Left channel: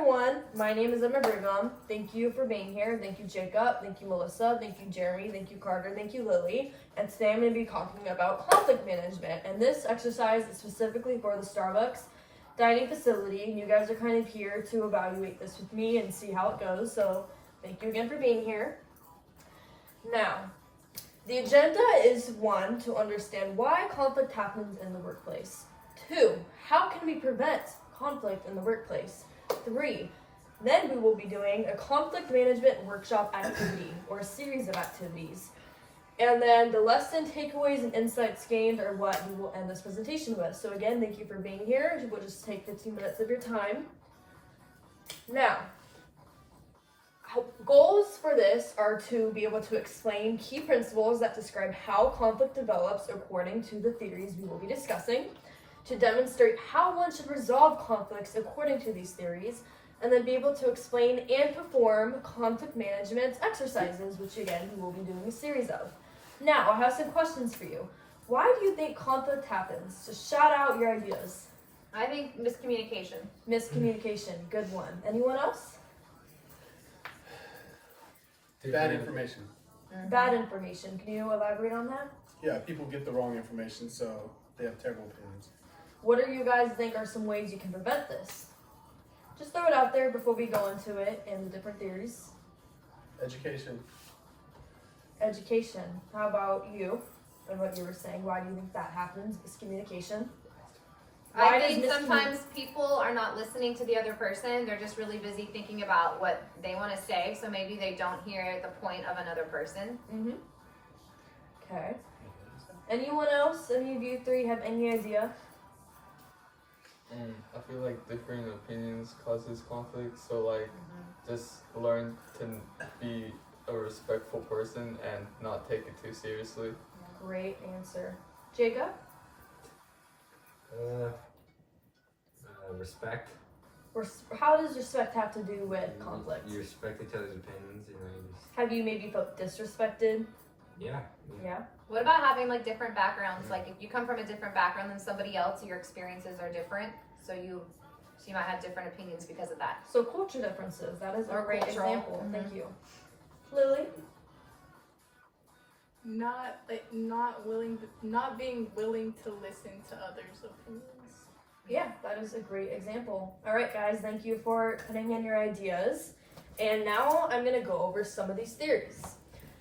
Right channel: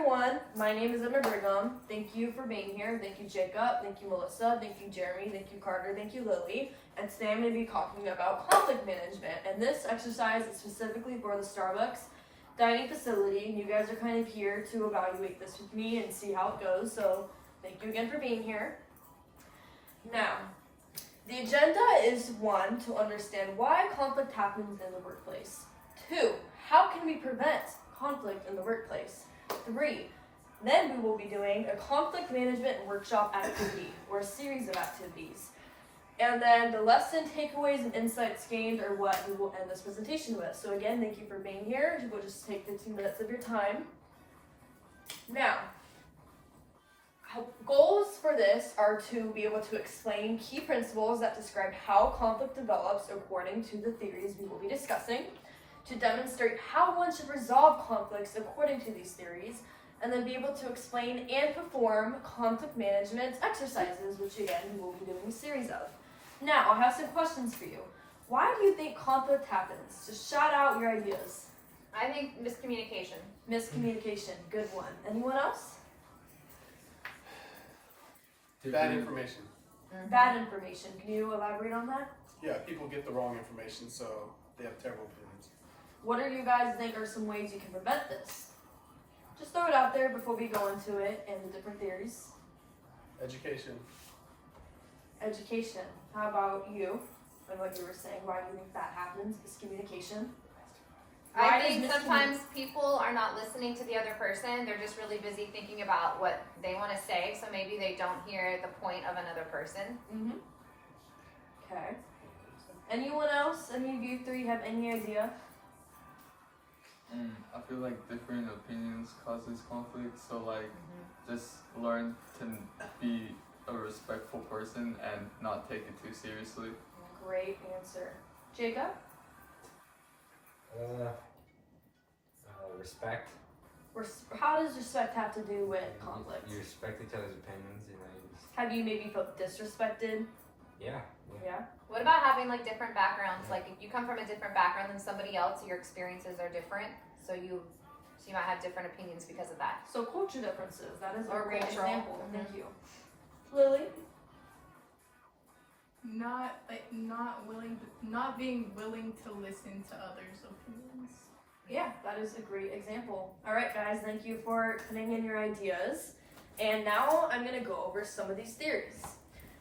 everyone, my name is Emma Brigham. Thank you for being here. Thank you, Jacob. Thank you, Melissa. Thank you, Jeremy. Thank you, Carter. Thank you, Lily. And today I'm going to be talking about conflict management. And this exercise is specifically for the Starbucks dining facility. And you guys are kind of here to evaluate this with me and see how it goes. So thank you again for being here. Now, the agenda is 1, to understand why conflict happens in the workplace. 2, how can we prevent conflict in the workplace? 3, then we will be doing a conflict management workshop activity or a series of activities. And then the lesson takeaways and insights gained are what we will end this presentation with. So again, thank you for being here. We'll just take 15 minutes of your time. Now, goals for this are to be able to explain key principles that describe how conflict develops according to the theories we will be discussing, to demonstrate how one should resolve conflicts according to these theories, and then be able to explain and perform conflict management exercises, which again, we will be doing a series of. Now, I have some questions for you. Why do you think conflict happens? Just shout out your ideas. I think miscommunication. Miscommunication, good one. Anyone else? Bad information. Bad information. Can you elaborate on that? Yeah, people get the wrong information, so they have terrible opinions. What do you guys think are some ways you can prevent this? Just throw it out there before we go into it and the different theories. Education. Education. How about you and what you were saying? Why do you think that happens? Miscommunication. I think sometimes people are not listening to the other person. They're just really busy thinking about what they want to say, so maybe they don't hear the point of another person. Okay. Anyone else? Any of you 3 have any idea? I feel like differing opinions causes conflict, so like just learn to be a respectful person and not take it too seriously. Great answer. Jacob? Respect. How does respect have to do with conflict? You respect each other's opinions, you know. Have you maybe felt disrespected? Yeah. What about having like different backgrounds? Like if you come from a different background than somebody else, your experiences are different, so you might have different opinions because of that. So culture differences, that is Or a great racial. example. Thank you. Lily? Not being willing to listen to others' opinions. Yeah, that is a great example. All right, guys, thank you for putting in your ideas. And now I'm going to go over some of these theories.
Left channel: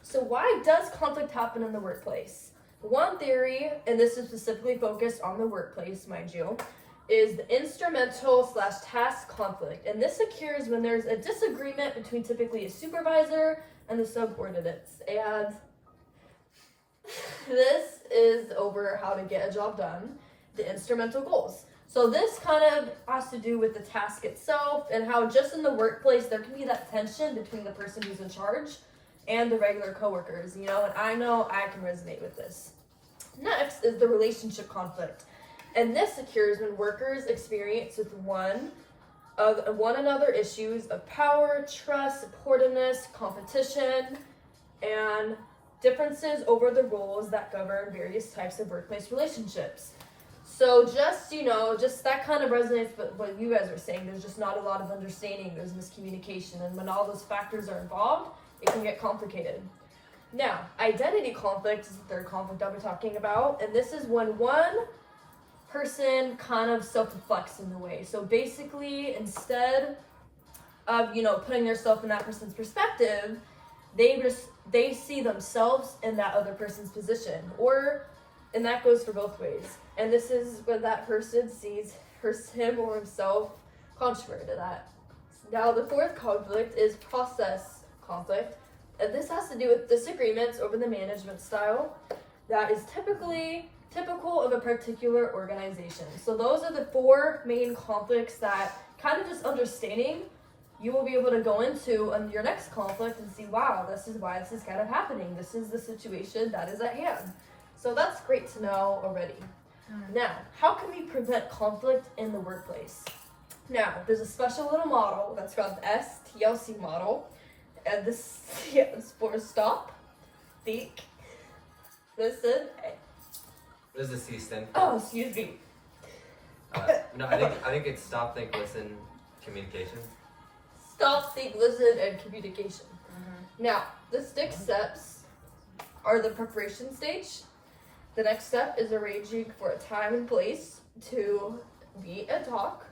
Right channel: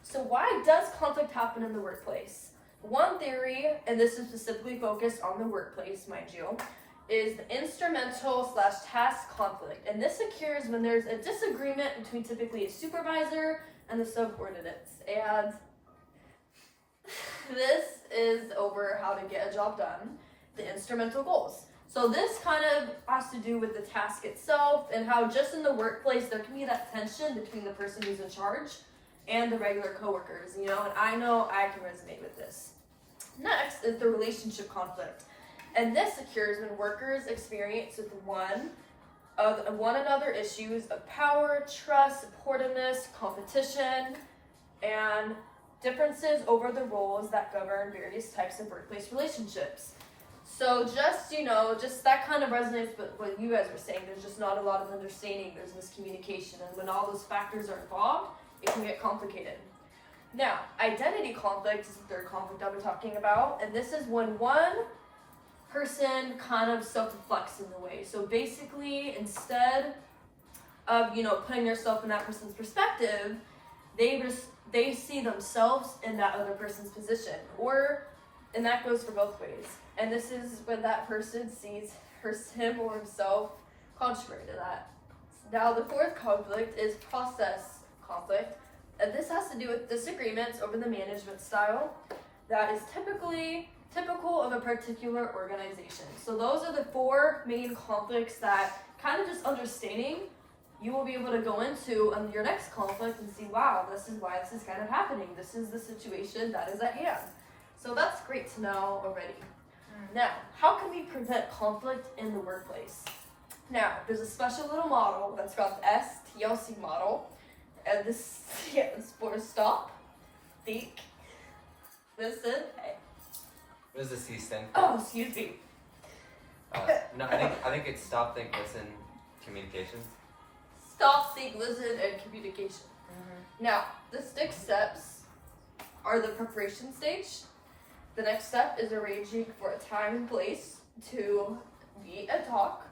So why does conflict happen in the workplace? One theory, and this is specifically focused on the workplace, mind you, is the instrumental/task conflict. And this occurs when there's a disagreement between typically a supervisor and the subordinates. And this is over how to get a job done, the instrumental goals. So this kind of has to do with the task itself and how just in the workplace there can be that tension between the person who's in charge and the regular coworkers, you know, and I know I can resonate with this. Next is the relationship conflict. And this occurs when workers experience with one another issues of power, trust, supportiveness, competition, and differences over the roles that govern various types of workplace relationships. So just that kind of resonates with what you guys are saying. There's just not a lot of understanding. There's miscommunication. And when all those factors are involved, it can get complicated. Now, identity conflict is the 3rd conflict I'll be talking about. And this is when one person kind of self-reflects in a way. So basically, instead of, putting yourself in that person's perspective, they see themselves in that other person's position. And that goes for both ways. And this is when that person sees him or himself contrary to that. Now, the 4th conflict is process conflict. And this has to do with disagreements over the management style that is typical of a particular organization. So those are the 4 main conflicts that kind of just understanding you will be able to go into on your next conflict and see, wow, this is why this is kind of happening. This is the situation that is at hand. So that's great to know already. Now, how can we prevent conflict in the workplace? Now, there's a special little model that's called the STLC model. And this stands for stop, think, listen. What does the C stand for? Oh, excuse me. No, I think it's stop, think, listen, communication. Stop, seek, listen, and communication. Now, the next steps are the preparation stage. The next step is arranging for a time and place to meet and talk.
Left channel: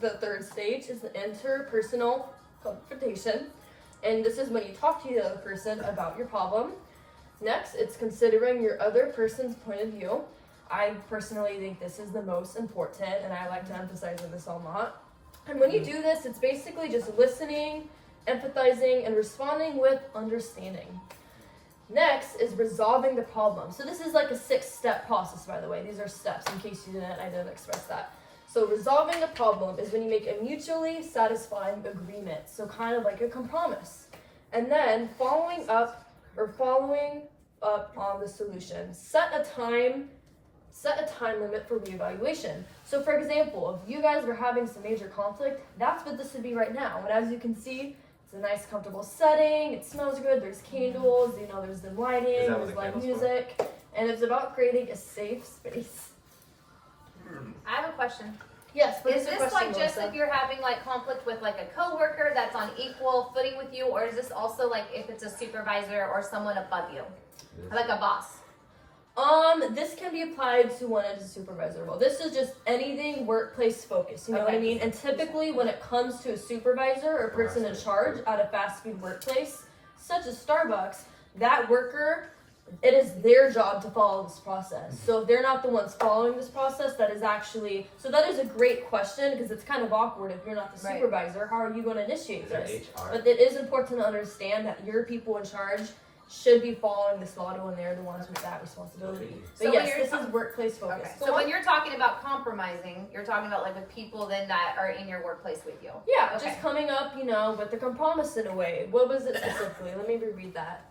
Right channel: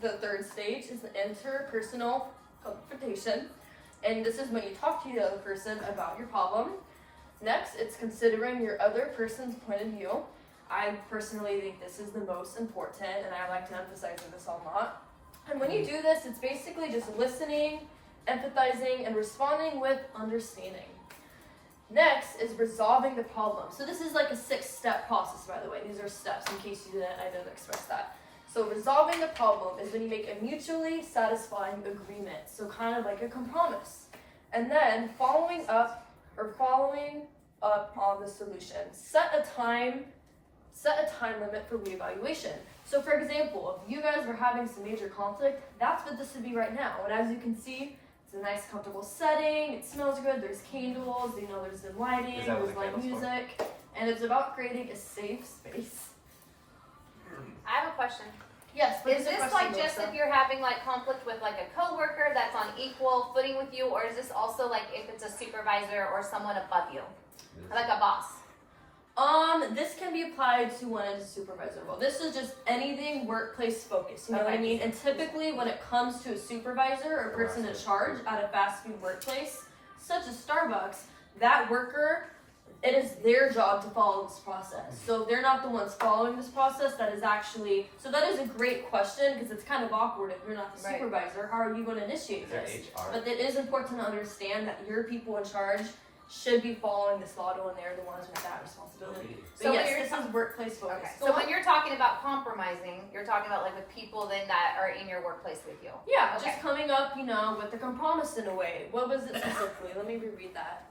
The third stage is the interpersonal confrontation. And this is when you talk to the other person about your problem. Next, it's considering your other person's point of view. I personally think this is the most important, and I like to emphasize this a lot. And when you do this, it's basically just listening, empathizing, and responding with understanding. Next is resolving the problem. So this is like a 6-step process, by the way. These are steps, in case I didn't express that. So resolving the problem is when you make a mutually satisfying agreement. So kind of like a compromise. And then following up on the solution. Set a time limit for reevaluation. So for example, if you guys were having some major conflict, that's what this would be right now. And as you can see, it's a nice comfortable setting, it smells good, there's candles, there's dim lighting, there's light music, and it's about creating a safe space. I have a question. Yes, but Is this like just if you're having like conflict with like a coworker that's on equal footing with you, or is this also like if it's a supervisor or someone above you, like a boss? This can be applied to one as a supervisor role. This is just anything workplace focused, you know what I mean? And typically when it comes to a supervisor or a person in charge at a fast food workplace, such as Starbucks, that worker, it is their job to follow this process. So if they're not the ones following this process, that is a great question, because it's kind of awkward if you're not the supervisor. How are you going to initiate this? But it is important to understand that your people in charge should be following this model, and they're the ones with that responsibility. But So yes, this is workplace focused. Okay. So when you're talking about compromising, you're talking about like with people then that are in your workplace with you. Yeah, Okay. just coming up, with the compromise in a way. What was it specifically? Let me reread that.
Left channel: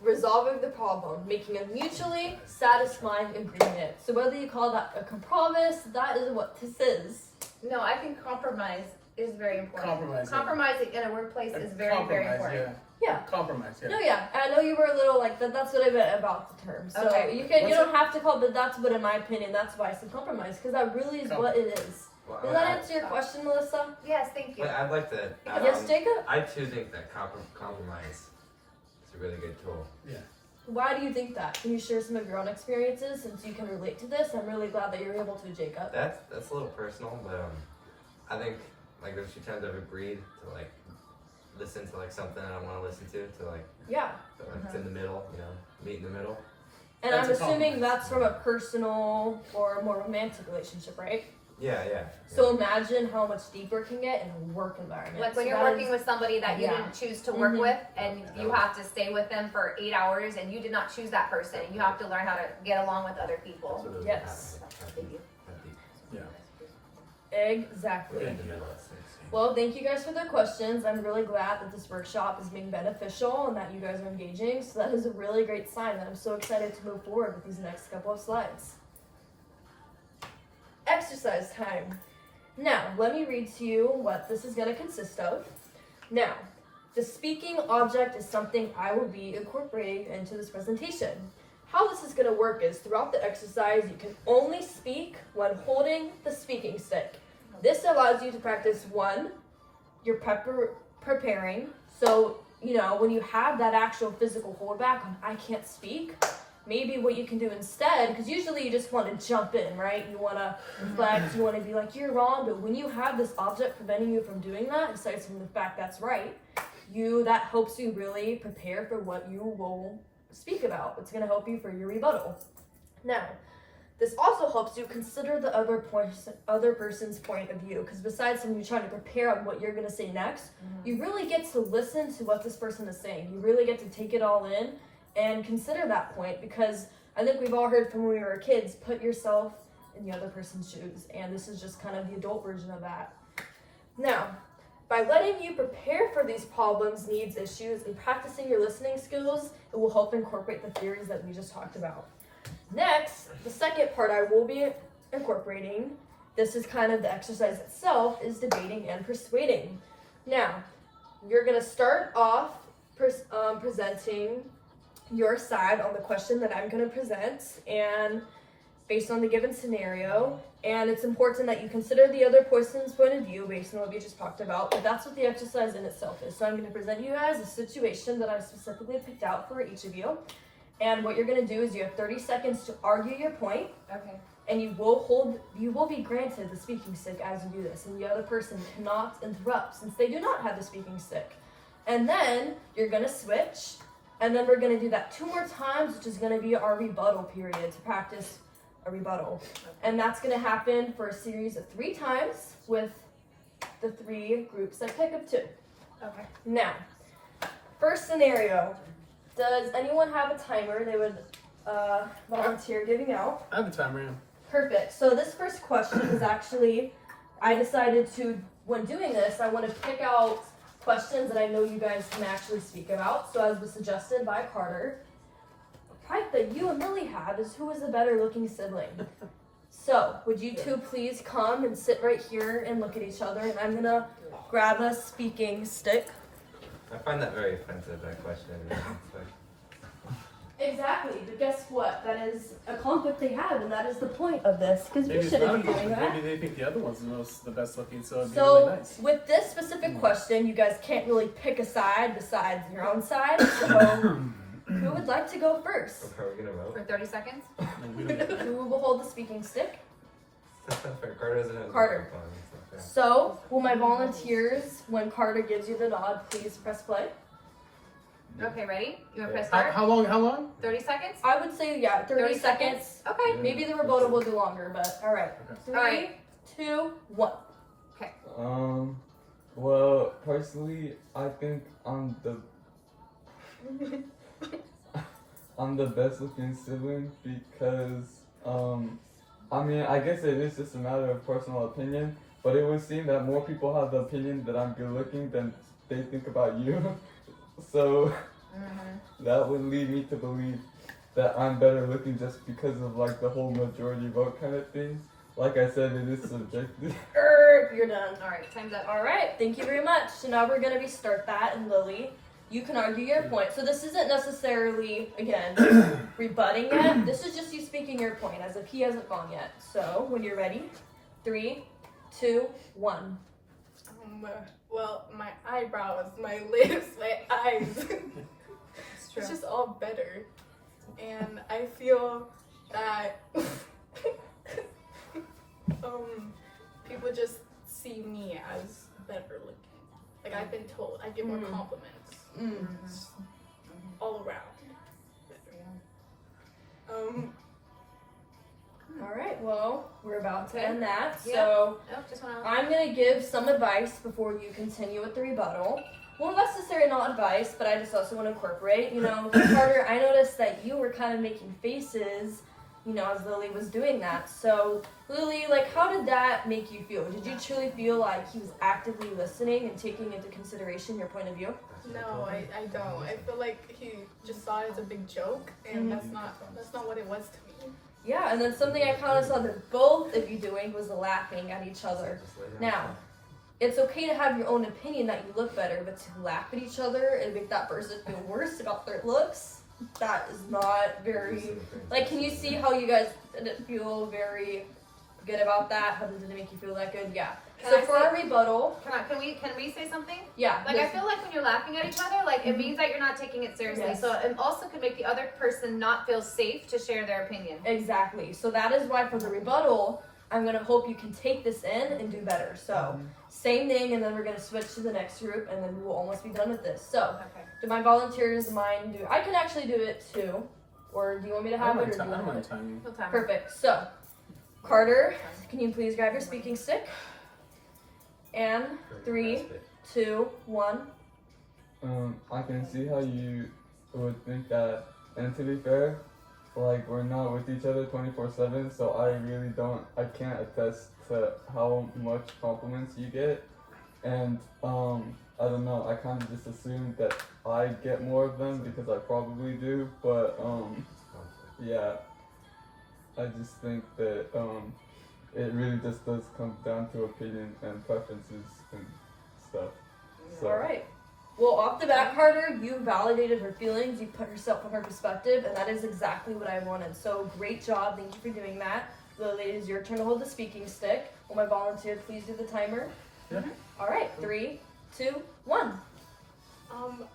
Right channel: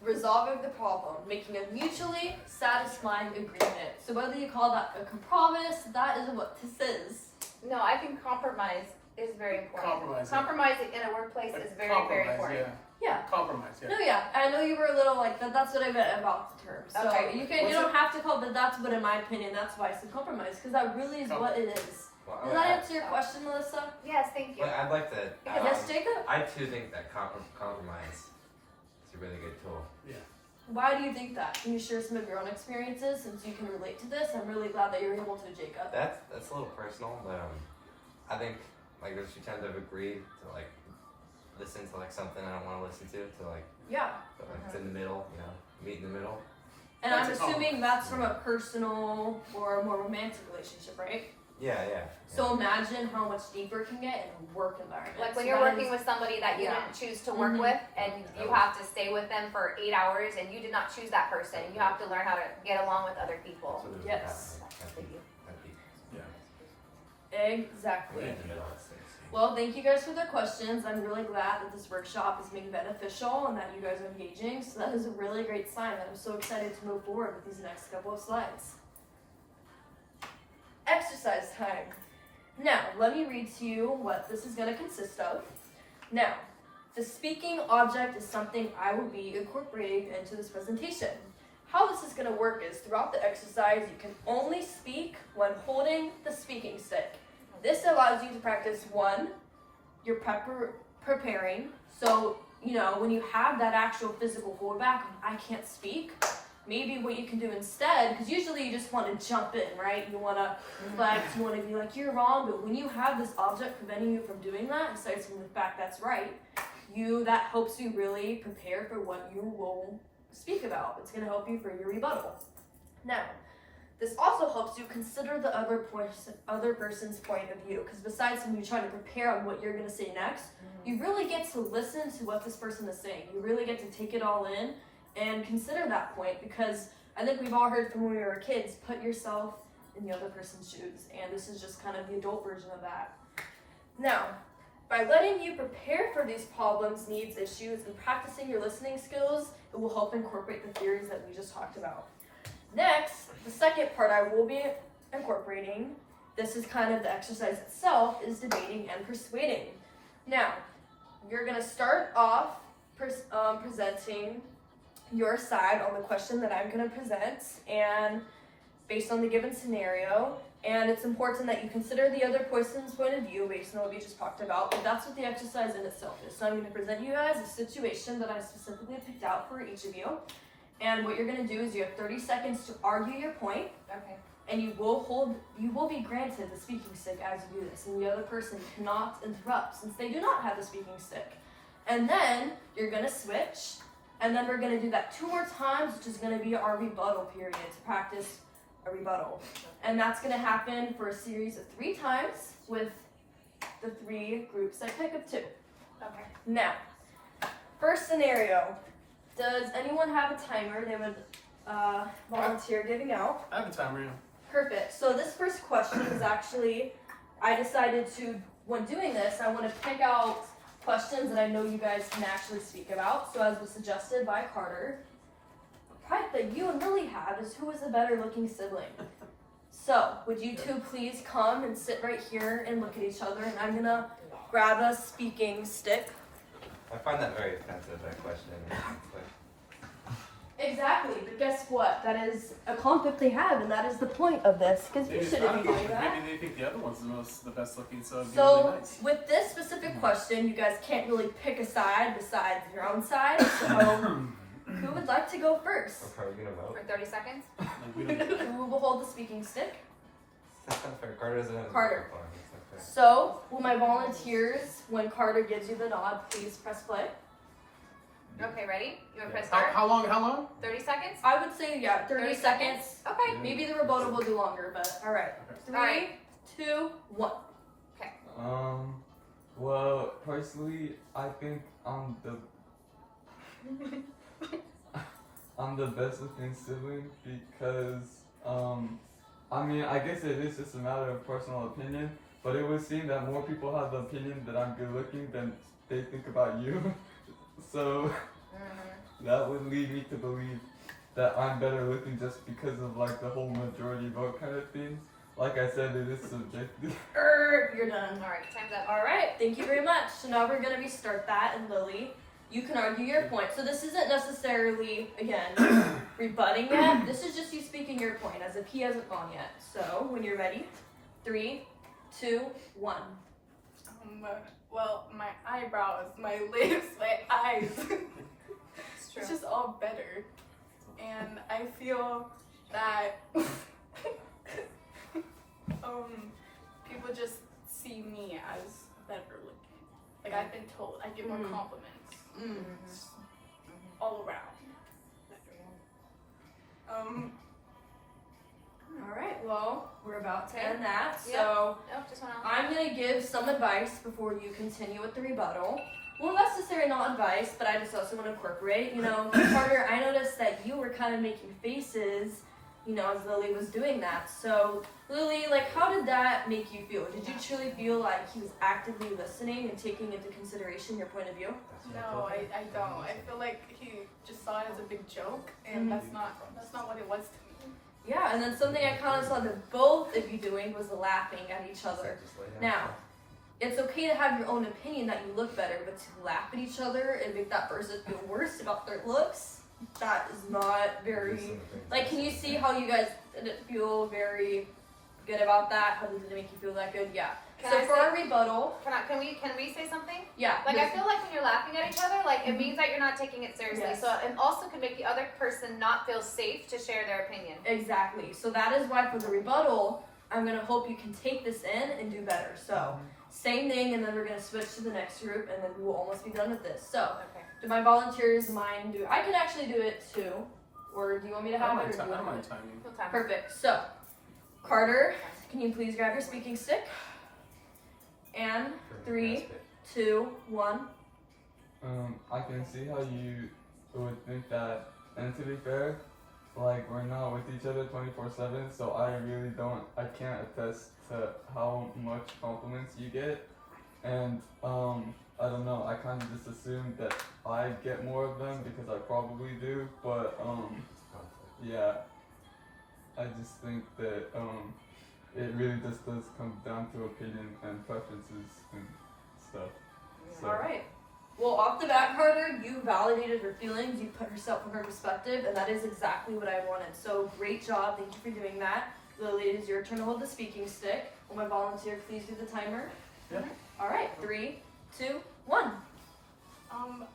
Resolving the problem, making a mutually satisfying agreement. So whether you call that a compromise, that is what this is. No, I think compromise is very important. Compromising. In a workplace is very, very important. Yeah. Compromise, yeah. No, yeah. I know you were a little like that. That's what I meant about the term. So Okay. you don't have to call it, but that's what, in my opinion, that's why I said compromise, because that really is what it is. Does that answer your question, Melissa? Yes, thank you. But I'd like to. Yes, Jacob. I too think that compromise is a really good tool. Why do you think that? Can you share some of your own experiences since you can relate to this? I'm really glad that you're able to, Jacob. That's a little personal, but I think like there's a few times I've agreed to like listen to like something I don't want to listen to like Yeah. it's in the middle, meet in the middle. And That's I'm a assuming compromise. that's from a personal or more romantic relationship, right? Yeah. So imagine how much deeper it can get in a work environment. Like when So you're that working is- with somebody that you didn't choose to work Mhm. with, and you have to stay with them for 8 hours, and you did not choose that person. You have to learn how to get along with other people. That's what it would Yes. happen. Exactly. In the middle. Well, thank you guys for the questions. I'm really glad that this workshop is being beneficial and that you guys are engaging. So that is a really great sign, and I'm so excited to move forward with these next couple of slides. Exercise time. Now, let me read to you what this is going to consist of. Now, the speaking object is something I will be incorporating into this presentation. How this is going to work is throughout the exercise, you can only speak when holding the speaking stick. This allows you to practice you're preparing. So, when you have that actual physical holdback, I can't speak, maybe what you can do instead, because usually you just want to jump in, right? You want to reflect, you want to be like, you're wrong, but when you have this object preventing you from doing that, aside from the fact that's right, that helps you really prepare for what you will speak about. It's going to help you for your rebuttal. Now, this also helps you consider the other person's point of view, because besides from you trying to prepare on what you're going to say next, you really get to listen to what this person is saying. You really get to take it all in and consider that point, because I think we've all heard from when we were kids, put yourself in the other person's shoes, and this is just kind of the adult version of that. Now, by letting you prepare for these problems, needs, issues, and practicing your listening skills, it will help incorporate the theories that we just talked about. Next, the second part I will be incorporating, this is kind of the exercise itself, is debating and persuading. Now, you're going to start off presenting your side on the question that I'm going to present, and based on the given scenario, And it's important that you consider the other person's point of view based on what we just talked about, but that's what the exercise in itself is. So I'm going to present you guys a situation that I specifically picked out for each of you. And what you're going to do is you have 30 seconds to argue your point, Okay. and you will be granted the speaking stick as you do this, and the other person cannot interrupt since they do not have the speaking stick. And then you're going to switch, and then we're going to do that 2 more times, which is going to be our rebuttal period to practice a rebuttal. And that's going to happen for a series of 3 times with the 3 groups I pick of 2. Okay. Now, first scenario. Does anyone have a timer they would volunteer giving out? I have a timer. Yeah. Perfect. So this first question is actually, I decided to, when doing this, I want to pick out questions that I know you guys can actually speak about. So as was suggested by Carter, the fight that you and Lily have is who is a better looking sibling. So would you two please come and sit right here and look at each other, and I'm gonna grab a speaking stick. I find that very offensive, that question. It's like, Exactly, but guess what? That is a conflict they have, and that is the point of this, because Maybe you it's shouldn't not a be doing conflict. that. Maybe they think the other one's the best looking, so it'd be So, really nice. with this specific question, you guys can't really pick a side besides your own side, so who would like to go first? okay, are we gonna vote? For 30 seconds? We don't- Who will hold the speaking stick? That's not fair. Carter doesn't have Carter. the microphone. It's not fair. So, will my volunteers, when Carter gives you the nod, please press play? Okay, ready? You want to press How, start? how long? How long? 30 seconds? I would say, yeah, 30 seconds. Okay. Yeah. Maybe the rebuttal will do longer, but alright. Okay. 3, Alright. 2, 1. Well, personally, I think I'm the best looking sibling because, I mean, I guess it is just a matter of personal opinion, but it would seem that more people have the opinion that I'm good looking than they think about you. So that would lead me to believe that I'm better looking just because of like the whole majority vote kind of thing. Like I said, it is subjective. You're done. Alright, time's up. Alright, thank you very much. So now we're gonna restart that, and Lily, you can argue your point. So this isn't necessarily, again, rebutting it. This is just you speaking your point as if he hasn't gone yet. So when you're ready, 3, 2, 1. Well, my eyebrows, my lips, my eyes. It's true. It's just all better. And I feel that people just see me as better looking. Like I've been told, I get more compliments all around. Alright, well, we're about to end that. Yeah. So Nope, just want to. I'm gonna give some advice before you continue with the rebuttal. Well, necessarily not advice, but I just also want to incorporate. You know, Carter, I noticed that you were kind of making faces, you know, as Lily was doing that. So, Lily, like, how did that make you feel? Did you truly feel like he was actively listening and taking into consideration your point of view? No, I don't. I feel like he just saw it as a big joke, and that's not what it was to me. Yeah, and then something I kind of saw that both of you doing was laughing at each other. Just lay down. Now, it's okay to have your own opinion that you look better, but to laugh at each other and make that person feel worse about their looks, that is not very... Like, can you see how you guys didn't feel very good about that? How did it make you feel that good? Yeah. Can So I for say- our rebuttal, Can we say something? yeah. Like, yes. I feel like when you're laughing at each other, like, it means that you're not taking it seriously. Yes. So it also could make the other person not feel safe to share their opinion. Exactly. So that is why for the rebuttal, I'm going to hope you can take this in and do better. So same thing, and then we're going to switch to the next group, and then we will almost be done with this. So Okay. do my volunteers mind do... I can actually do it too. Or do you want me to I have don't it? mind, Or do you I don't want mind it? timing. No time. Perfect. So, Carter, can you please grab your speaking stick? And 3, 2, 1. I can see how you would think that, and to be fair, like we're not with each other 24/7, so I can't attest to how much compliments you get, and I don't know, I kind of just assumed that I get more of them because I probably do, but yeah, I just think that it really just does come down to opinion and preferences and stuff. So. All right. Well, off the bat, Carter, you validated her feelings. You put herself in her perspective, and that is exactly what I wanted. So, great job. Thank you for doing that. Lily, it is your turn to hold the speaking stick. Will my volunteer please do the timer? Yeah. All right, 3, 2, 1.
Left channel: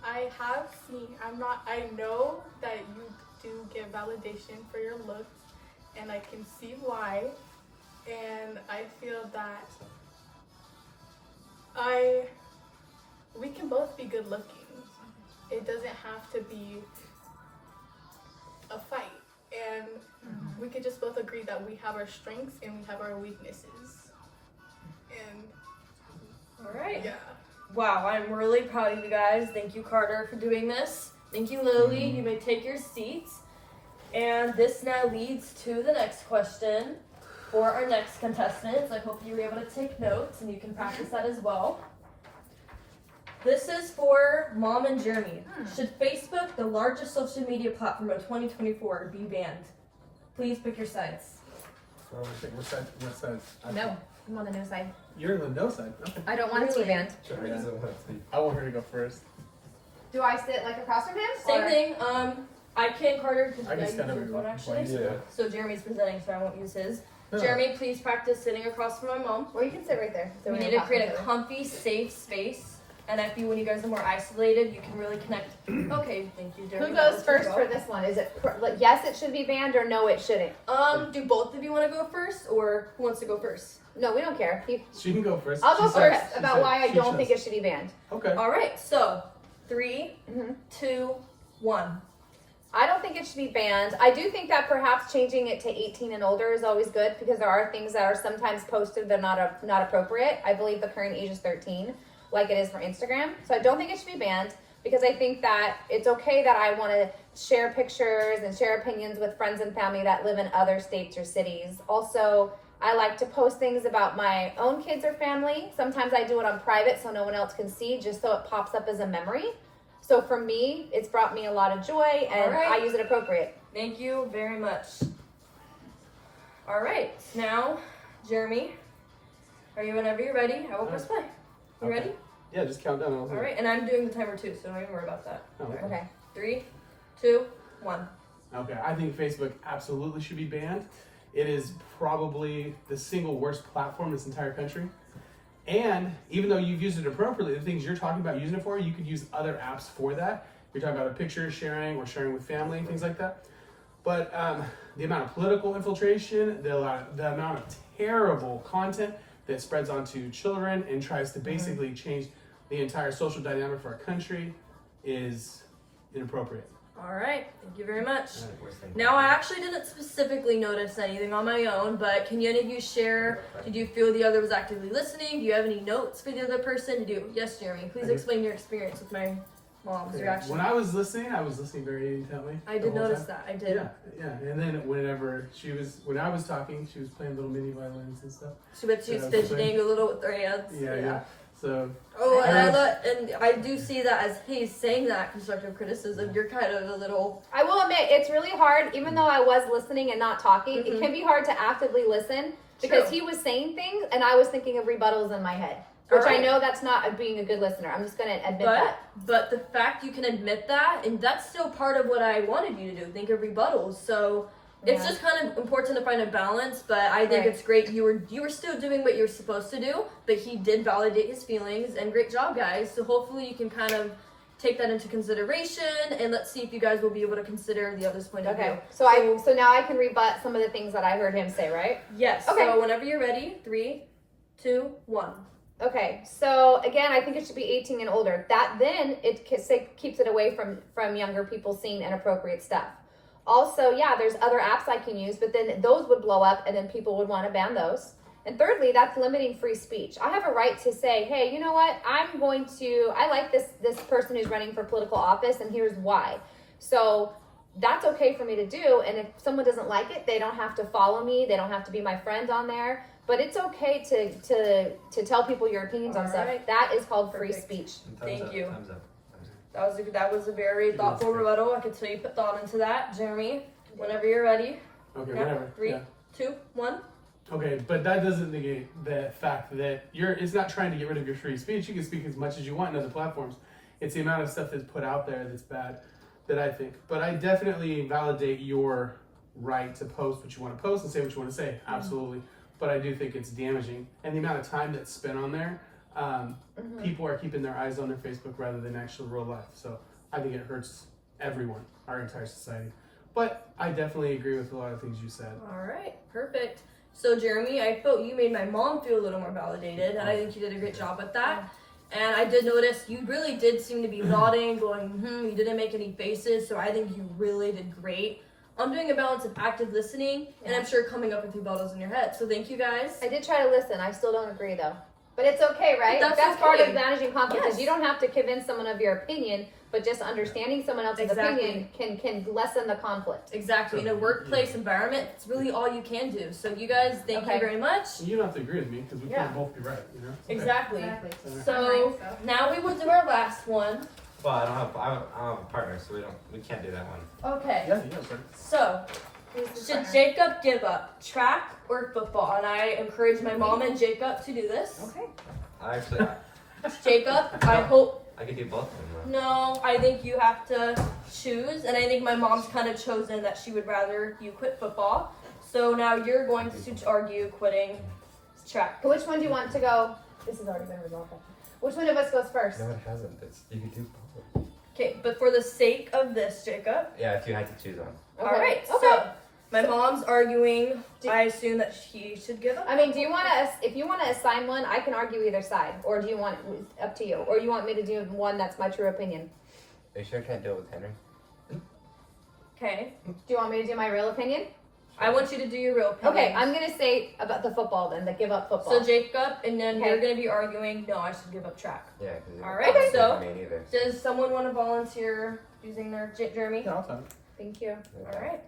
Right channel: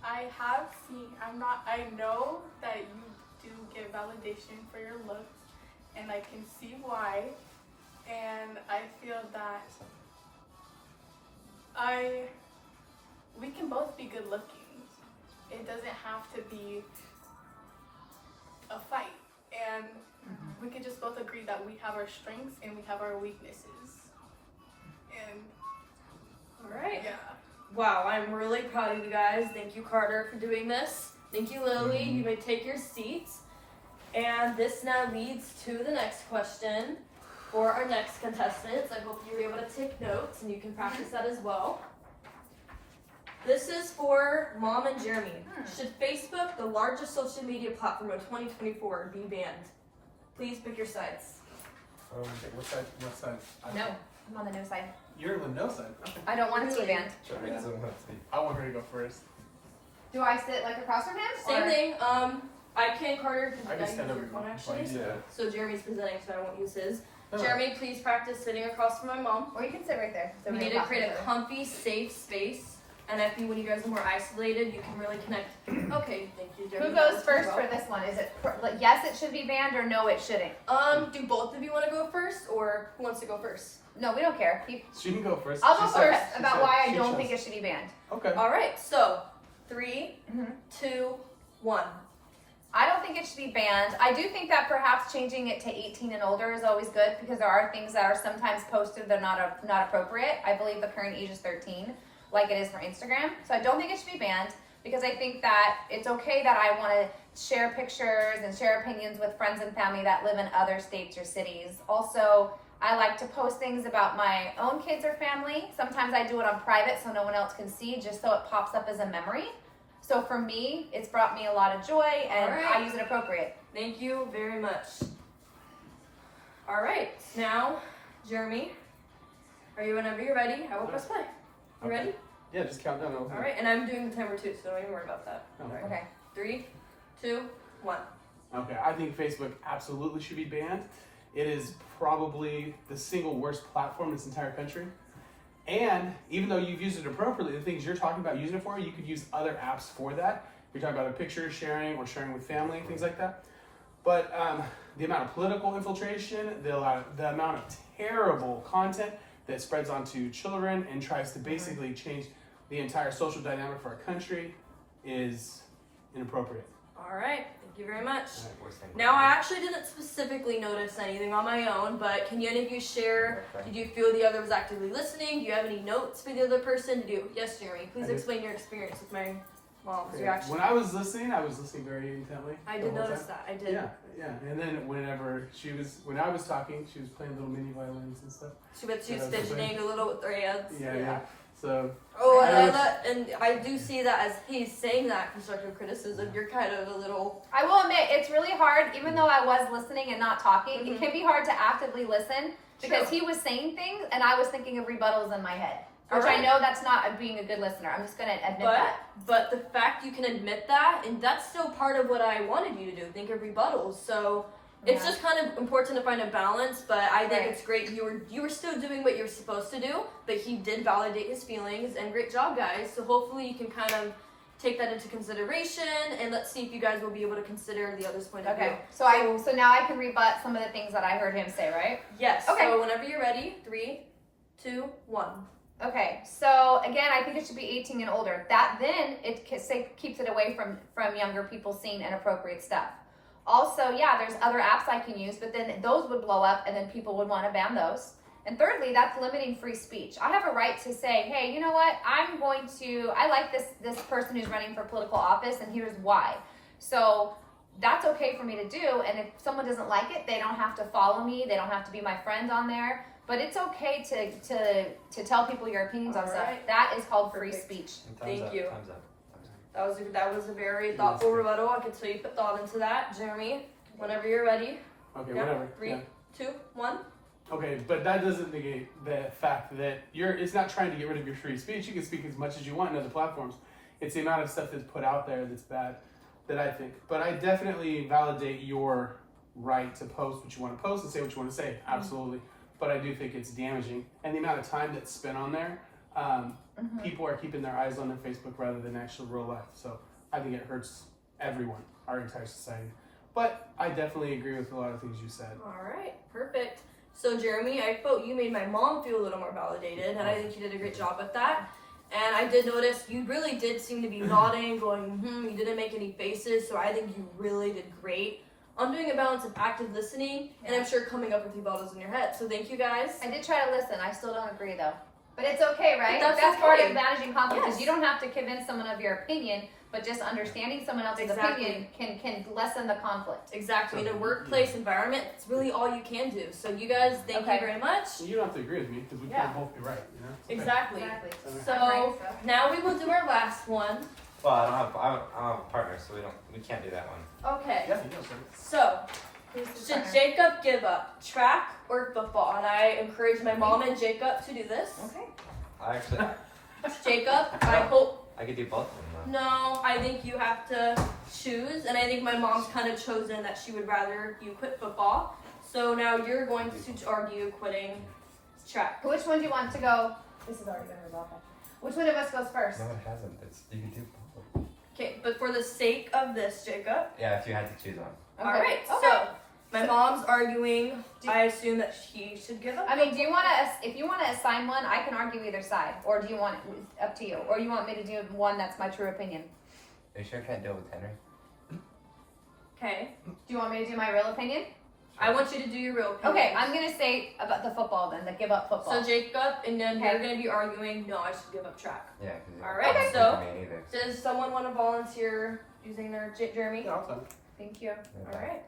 I have seen. I know that you do get validation for your looks, and I can see why. And I feel that we can both be good looking. It doesn't have to be a fight, and we could just both agree that we have our strengths and we have our weaknesses. And All right. yeah. Wow, I'm really proud of you guys. Thank you, Carter, for doing this. Thank you, Lily. You may take your seats. And this now leads to the next question for our next contestants. I hope you were able to take notes and you can practice that as well. This is for Mom and Jeremy. Should Facebook, the largest social media platform of 2024, be banned? Please pick your sides. What side? No, I'm on the no side. You're on the no side. Okay. I don't want it to be banned. I want her to go first. Do I sit like across from him? Same or- thing. I can, Carter. I can stand use over your phone you. actually. Yeah. So Jeremy's presenting, so I won't use his. No. Jeremy, please practice sitting across from my mom. Or you can sit right there. So We we need don't to talk create each a other. comfy, safe space. And I feel when you guys are more isolated, you can really connect. Okay, thank you. Who goes first for this one? Is it like yes, it should be banned, or no, it shouldn't? Do both of you want to go first, or who wants to go first? No, we don't care. She can go first. I'll go She said- first she about said- why I she don't chose. think it should be banned. Okay. All right, so 3, Mhm. 2, 1. I don't think it should be banned. I do think that perhaps changing it to 18 and older is always good because there are things that are sometimes posted that are not appropriate. I believe the current age is 13, like it is for Instagram. So I don't think it should be banned because I think that it's okay that I want to share pictures and share opinions with friends and family that live in other states or cities. Also, I like to post things about my own kids or family. Sometimes I do it on private so no one else can see, just so it pops up as a memory. So for me, it's brought me a lot of joy, and All right. I use it appropriate. Thank you very much. All right, now, Jeremy, are you whenever you're ready? I will press play. You Okay. ready? Yeah, just count down. All right, and I'm doing the timer too, so don't even worry about that. Okay. Okay. 3, 2, 1. Okay, I think Facebook absolutely should be banned. It is probably the single worst platform in this entire country. And even though you've used it appropriately, the things you're talking about using it for, you could use other apps for that. You're talking about a picture sharing or sharing with family, things like that. But the amount of political infiltration, the amount of terrible content that spreads onto children and tries to basically change the entire social dynamic for our country is inappropriate. All right, thank you very much. Worse than Now, I actually didn't specifically notice anything on my own, but can any of you share? Did you feel the other was actively listening? Do you have any notes for the other person? Did you? Yes, Jeremy. Please I do. explain your experience with my mom's Okay. reaction. When I was listening very intently. I the did whole notice time. that. I did. Yeah. And then when I was talking, she was playing little mini violins and stuff. She was Yeah, fidgeting a little with her hands. Yeah. So Oh, and Yeah. and I do see that as he's saying that constructive criticism, you're kind of a little. I will admit, it's really hard, even though I was listening and not talking, Mhm. it can be hard to actively listen because True. he was saying things and I was thinking of rebuttals in my head. Which Alright. I know that's not being a good listener. I'm just going to admit that. But the fact you can admit that, and that's still part of what I wanted you to do, think of rebuttals. So it's Yeah. just kind of important to find a balance. But I think Right. it's great you were still doing what you're supposed to do, but he did validate his feelings, and great job, guys. So hopefully you can kind of take that into consideration, and let's see if you guys will be able to consider the other's point of view. Okay. So now I can rebut some of the things that I heard him say, right? Yes. Okay. So whenever you're ready, 3, 2, 1. Okay, so again, I think it should be 18 and older. That then it keeps it away from younger people seeing inappropriate stuff. Also, yeah, there's other apps I can use, but then those would blow up, and then people would want to ban those. And thirdly, that's limiting free speech. I have a right to say, hey, you know what? I like this person who's running for political office, and here's why. So that's okay for me to do. And if someone doesn't like it, they don't have to follow me. They don't have to be my friend on there. But it's okay to tell people your opinions on stuff. Alright. That is called free Perfect. speech. Thank you. Time's up. That was a very thoughtful rebuttal. I could tell you put thought into that, Jeremy. Whenever you're ready. okay, Yeah, whatever. 3, Yeah. 2, 1. Okay, but that doesn't negate the fact that it's not trying to get rid of your free speech. You can speak as much as you want in other platforms. It's the amount of stuff that's put out there that's bad that I think. But I definitely validate your right to post what you want to post and say what you want to say. Absolutely. But I do think it's damaging. And the amount of time that's spent on there, people are keeping their eyes on their Facebook rather than actual real life. So I think it hurts everyone, our entire society. But I definitely agree with a lot of things you said. All right, perfect. So Jeremy, I felt you made my mom feel a little more validated, and I think you did a great job with that. And I did notice you really did seem to be nodding, going, you didn't make any faces, so I think you really did great on doing a balance of active listening, and I'm sure coming up with rebuttals in your head. So thank you guys. I did try to listen. I still don't agree though. But it's okay, right? But that's part okay. of managing conflict Yes. is you don't have to convince someone of your opinion, but just understanding someone else's Exactly. opinion can lessen the conflict. Exactly. In a workplace environment, it's really all you can do. So you guys, thank you very much. You don't have to agree with me because we can't both be right, you know? It's okay. Exactly. Okay. So now we will do our last one. Well, I don't have a partner, so we can't do that one. Okay. Yeah, sure. So, should Jacob give up track or football? And I encourage my mom and Jacob to do this. Okay. I actually, Jacob, I hope. I could do both of them though. No, I think you have to choose. And I think my mom's kind of chosen that she would rather you quit football. So now you're going to argue quitting track. Which one do you want to go? This has already been resolved. Which one of us goes first? No, it hasn't. You can do both. Okay, but for the sake of this, Jacob. Yeah, if you had to choose one. All right. Okay. So my mom's arguing. I assume that she should give up. I mean, do you want to? If you want to assign one, I can argue either side. Or do you want up to you? Or you want me to do one that's my true opinion? Are you sure I can't do it with Henry? Okay. Do you want me to do my real opinion? I want you to do your real opinion. Okay, I'm gonna say about the football then, the give up football. So Jacob, and then Okay. you're going to be arguing, no, I should give up track. Yeah, because All right, so- me neither. Does someone want to volunteer using their Jeremy? Yeah, I'll tell you. Thank you. All right.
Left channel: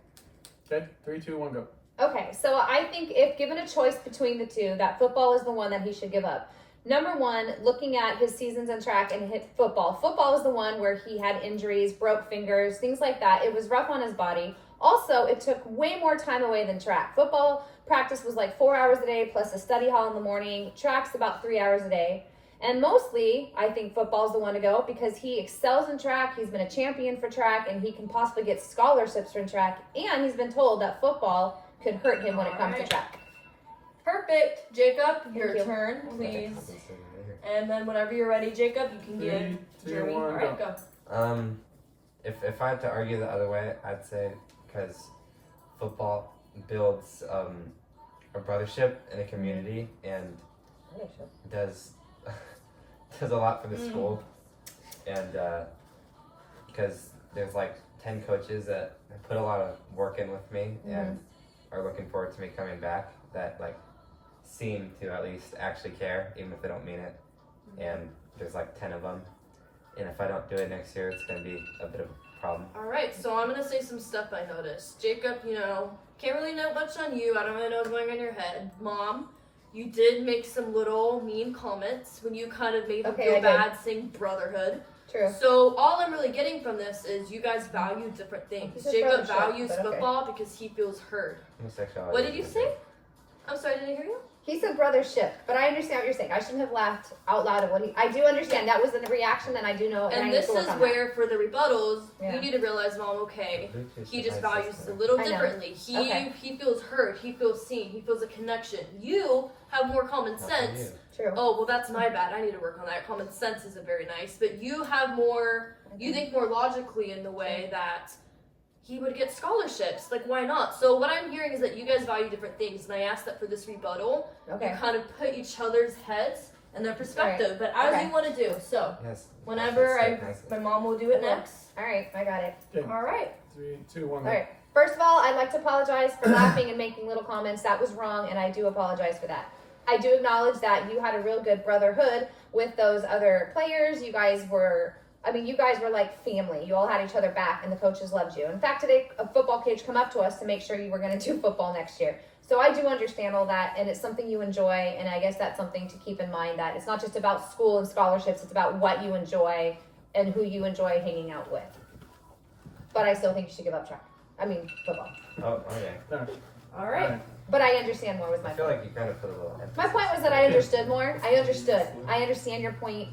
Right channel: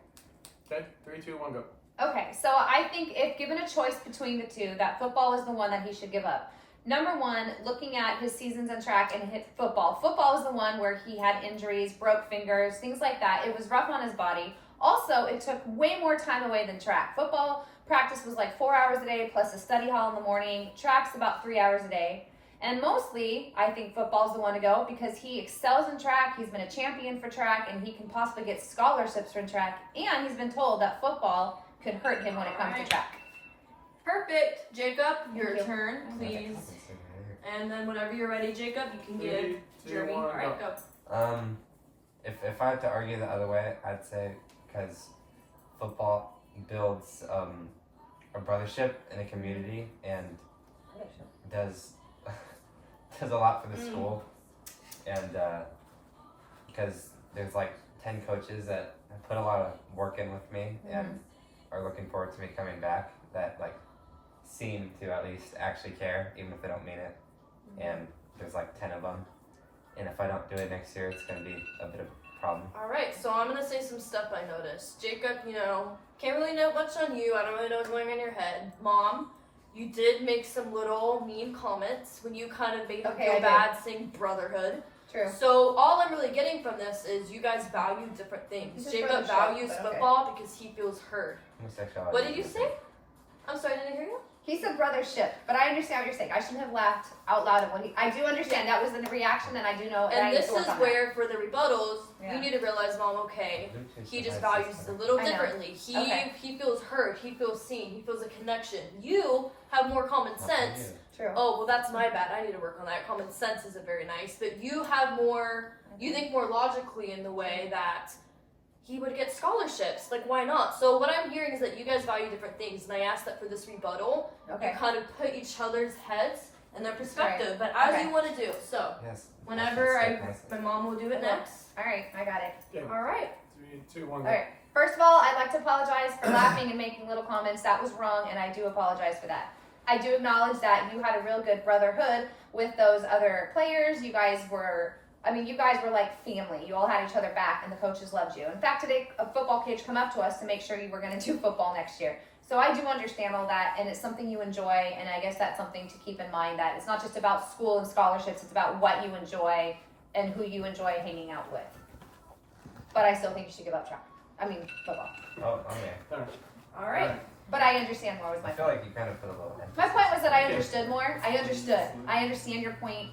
Okay, 3, 2, 1, go. Okay, so I think if given a choice between the two, that football is the one that he should give up. Number one, looking at his seasons in track and hit football. Football is the one where he had injuries, broke fingers, things like that. It was rough on his body. Also, it took way more time away than track. Football practice was like 4 hours a day plus a study hall in the morning. Track's about 3 hours a day. And mostly, I think football's the one to go because he excels in track. He's been a champion for track, and he can possibly get scholarships from track. And he's been told that football could hurt him when it comes to track. Perfect. Jacob, your you. turn, please. And then whenever you're ready, Jacob, you can 3, give 2, Jeremy. 1, All right, go. If I had to argue the other way, I'd say because football builds a brothership in a community and does does a lot for the school, and because there's like 10 coaches that put a lot of work in with me and are looking forward to me coming back, that like seem to at least actually care even if they don't mean it, and there's like 10 of them, and if I don't do it next year, it's going to be a bit of a problem. All right, so I'm gonna say some stuff I noticed. Jacob, can't really know much on you. I don't really know what's going on in your head. Mom, you did make some little mean comments when you kind of made him Okay, feel I did. bad saying brotherhood. True. So all I'm really getting from this is you guys value different things. It's just Jacob brothership, values but okay. football because he feels heard. Homosexuality. What did you say? I'm sorry, I didn't hear you. He said brothership, but I understand what you're saying. I shouldn't have laughed out loud at what I do understand that was a reaction, and I do know, and I And need this to work is on where, for the rebuttals, Yeah. you need to realize, Mom, okay, he just Has values this us a little I know. differently. He Okay. he feels heard, he feels seen, he feels a connection. You have more common sense. that. True. Oh, well, that's my bad. I need to work on that. Common sense isn't very nice, but you have more. You think more logically in the way that he would get scholarships. Like, why not? So what I'm hearing is that you guys value different things, and I asked that for this rebuttal. Okay. You kind of put each other's heads and their perspective, but as Okay. you want to do. So Yes. whenever That's my mom will do it Okay. next. All right, I got it. Okay, All right. 3, 2, 1, All go. right. First of all, I'd like to apologize for laughing and making little comments. That was wrong, and I do apologize for that. I do acknowledge that you had a real good brotherhood with those other players. You guys were like family. You all had each other back, and the coaches loved you. In fact, today a football coach come up to us to make sure you were going to do football next year. So I do understand all that, and it's something you enjoy, and I guess that's something to keep in mind, that it's not just about school and scholarships, it's about what you enjoy and who you enjoy hanging out with. But I still think you should give up football. Oh, okay. All right. But I understand more was my I feel point. like you kind of put a little emphasis. My point was that I understood more. I understood. I understand your point.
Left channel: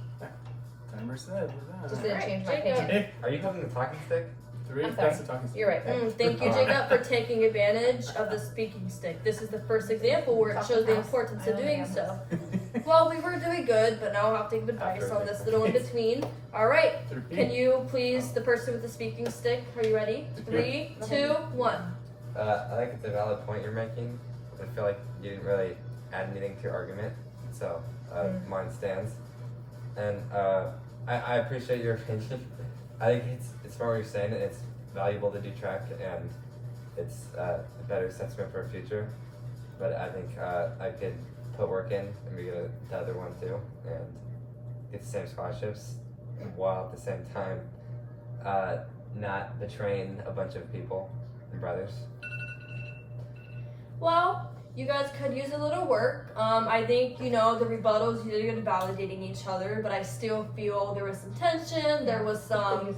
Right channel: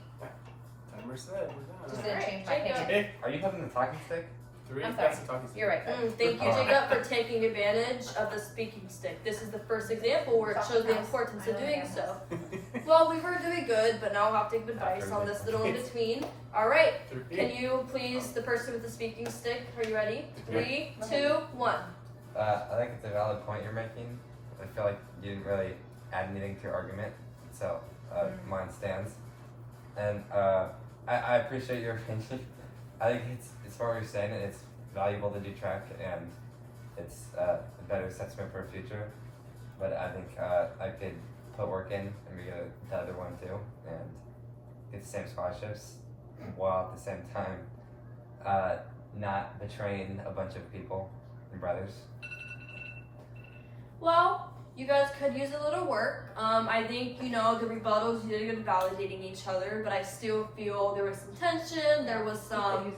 Timer said, we're Just done. didn't change my Jacob. opinion. Hey, Are you having the talking stick? 3. I'm sorry. That's the talking stick. You're right. Thank you, Jacob, for taking advantage of the speaking stick. This is the first example where it shows the importance of doing so. Well, we were doing good, but now we'll have to take advice on this little in between. All right, can you please, the person with the speaking stick, are you ready? 3, 2, 1. I think it's a valid point you're making. I feel like you didn't really add anything to your argument, so mine stands. And I appreciate your opinion. I think it's smart what you're saying, and it's valuable to detract, and it's a better assessment for the future. But I think I could put work in and be good at the other one too, and get the same scholarships, while at the same time not betraying a bunch of people and brothers. Well, you guys could use a little work. I think, the rebuttals, you're good validating each other, but I still feel there was some tension, there was some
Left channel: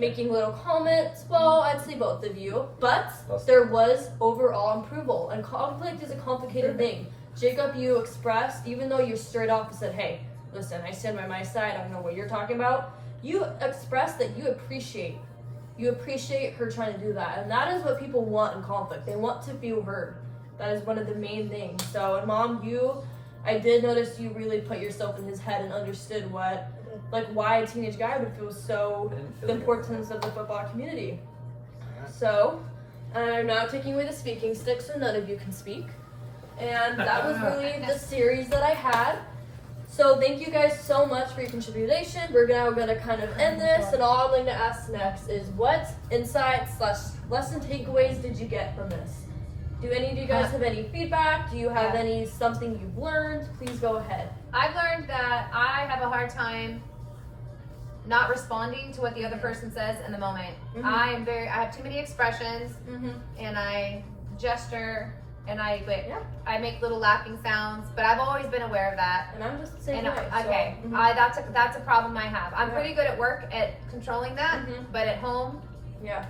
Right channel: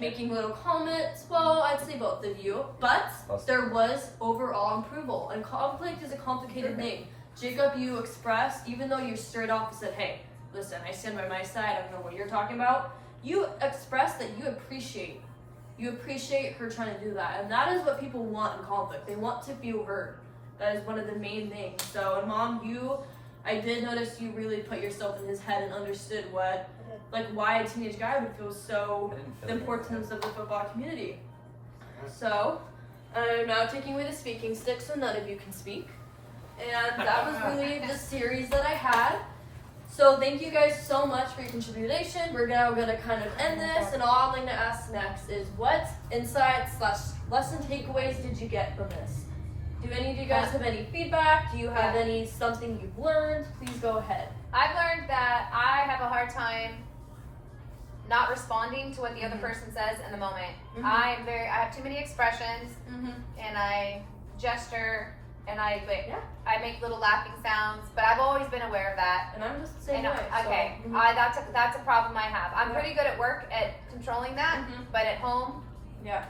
making little comments. Well, I'd say both of you, but there was overall approval, and conflict is a complicated thing. Jacob, you expressed, even though you straight off and said, hey, listen, I stand by my side, I don't know what you're talking about, you expressed that you appreciate her trying to do that, and that is what people want in conflict. They want to feel heard. That is one of the main things. So, and Mom, I did notice you really put yourself in his head and understood why a teenage guy would feel so the importance of the football community. So, I'm now taking away the speaking stick so none of you can speak. And that was really the series that I had. So thank you guys so much for your contribution. We're now going to kind of end this, and all I'm going to ask next is what insights/lesson takeaways did you get from this? Do any of you guys have any feedback? Do you have something you've learned? Please go ahead. I've learned that I have a hard time not responding to what the other person says in the moment. I have too many expressions, and I gesture, and I make little laughing sounds, but I've always been aware of that. And I'm just the same way. Okay, that's a problem I have. I'm pretty good at work at controlling that, but at home,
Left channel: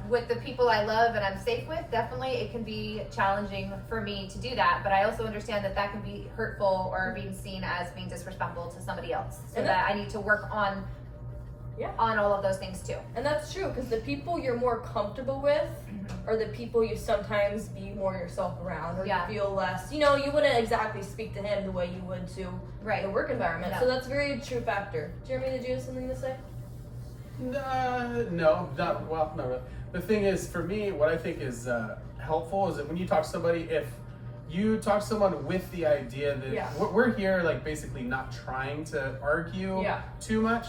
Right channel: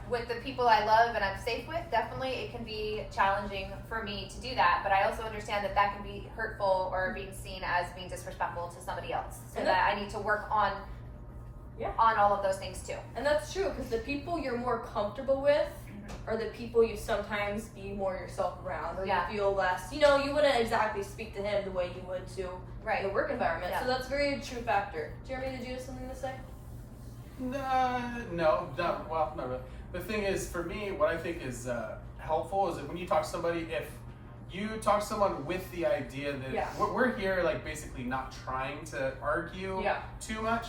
with the people I love and I'm safe with, definitely it can be challenging for me to do that. But I also understand that can be hurtful or being seen as being disrespectful to somebody else. So that I need to work on all of those things too. And that's true, because the people you're more comfortable with are the people you sometimes be more yourself around, or you feel less, you wouldn't exactly speak to him the way you would to in a work environment. So that's a very true factor. Jeremy, did you have something to say? No, not really. The thing is, for me, what I think is helpful is that when you talk to somebody, if you talk to someone with the idea that we're here, basically not trying to argue too much.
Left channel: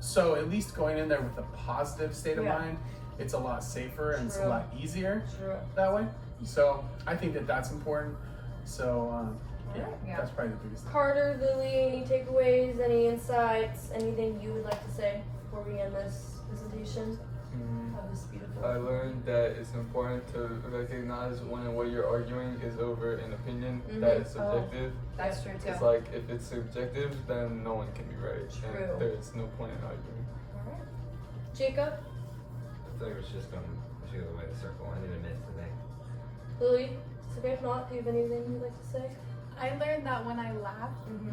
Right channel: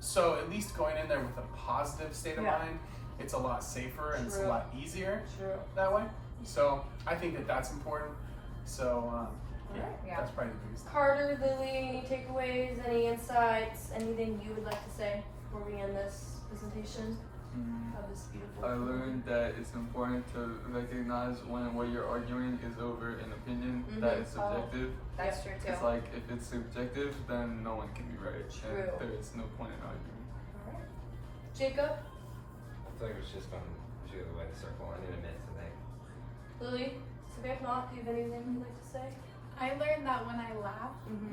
So at least going in there with a positive state of mind, it's a lot safer and it's a lot easier that way. So I think that's important. So that's probably the biggest thing. Carter, Lily, any takeaways, any insights, anything you would like to say before we end this presentation of this beautiful? I learned that it's important to recognize when what you're arguing is over an opinion that is subjective. That's true too. It's if it's subjective, then no one can be right. True. And there's no point in arguing. Alright. Jacob? I thought it was just on the way to circle. I didn't miss the thing. Lily? If not, do you have anything you'd like to say? I learned that when I laugh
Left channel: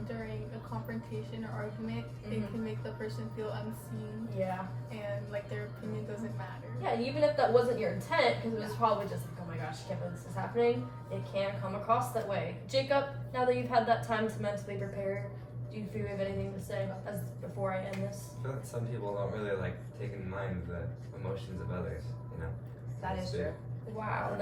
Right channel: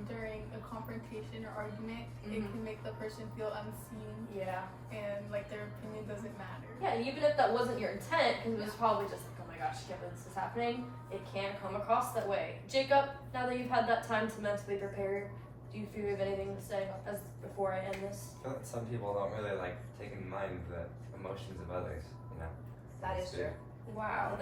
during a confrontation or argument, it can make the person feel unseen. Yeah. And their opinion doesn't matter. Yeah, even if that wasn't your intent, because it was probably just oh my gosh, I can't believe this is happening, it can come across that way. Jacob, now that you've had that time to mentally prepare, do you feel you have anything to say before I end this? I feel like some people don't really take in mind the emotions of others, That is true. Wow,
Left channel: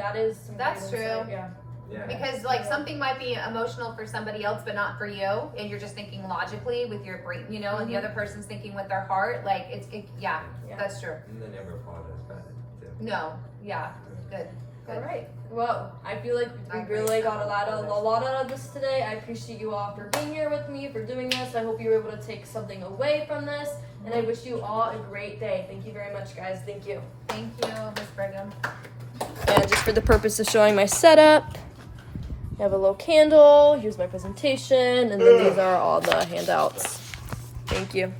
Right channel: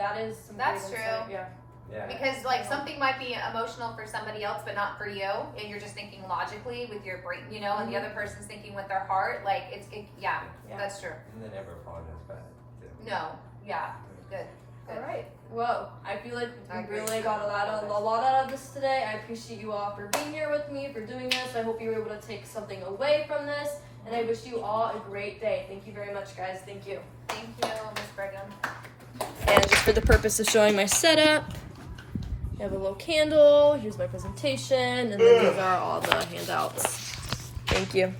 that's true. Yeah. Yeah. Because something might be emotional for somebody else, but not for you, and you're just thinking logically with your brain, and the other person's thinking with their heart. That's true. And they never apologize back too. No, good. All right. Well, I feel like we really got a lot out of this today. I appreciate you all for being here with me, for doing this. I hope you were able to take something away from this, and I wish you all a great day. Thank you very much, guys. Thank you. Thank you, Miss Brigham. And just for the purpose of showing my setup, I have a little candle, here's my presentation, and then these are all the handouts. Thank you.